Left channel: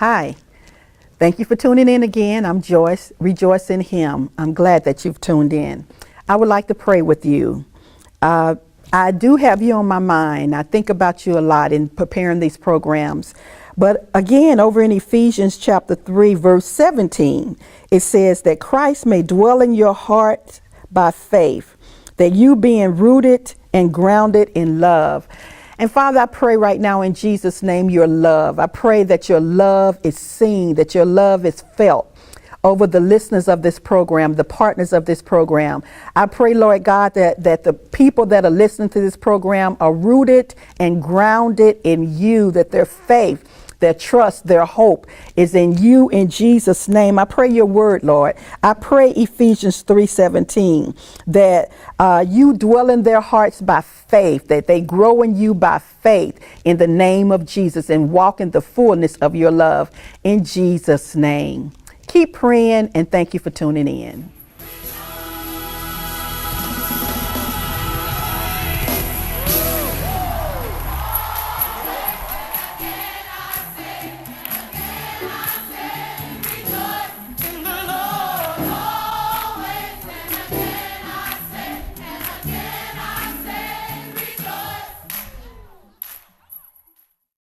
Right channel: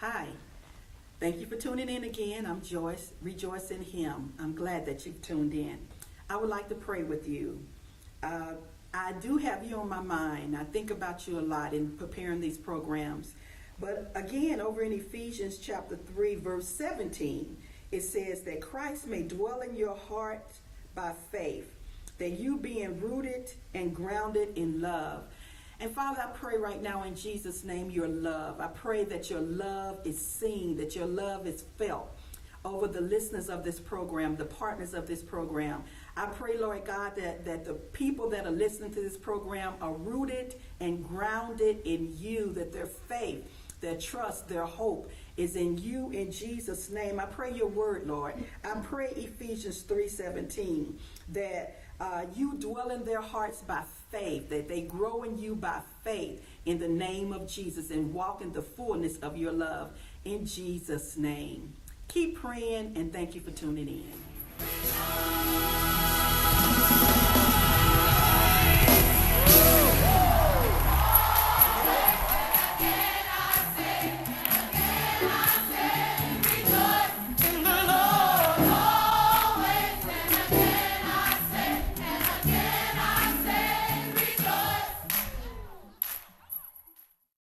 Hi. Thank you for tuning in again. I'm Joyce. Rejoice in Him. I'm glad that you've tuned in. I would like to pray with you. I do have you on my mind. I think about you a lot in preparing these programs. But again, over in Ephesians chapter 3, verse 17, it says that Christ may dwell in your heart by faith, that you being rooted and grounded in love. And Father, I pray right now in Jesus' name, your love. I pray that your love is seen, that your love is felt over the listeners of this program, the partners of this program. I pray, Lord God, that the people that are listening to this program are rooted and grounded in you, that their faith, their trust, their hope is in you in Jesus' name. I pray your word, Lord. I pray Ephesians 3:17, that you dwell in their hearts by faith, that they grow in you by faith in the name of Jesus and walk in the fullness of your love in Jesus' name. Keep praying and thank you for tuning in.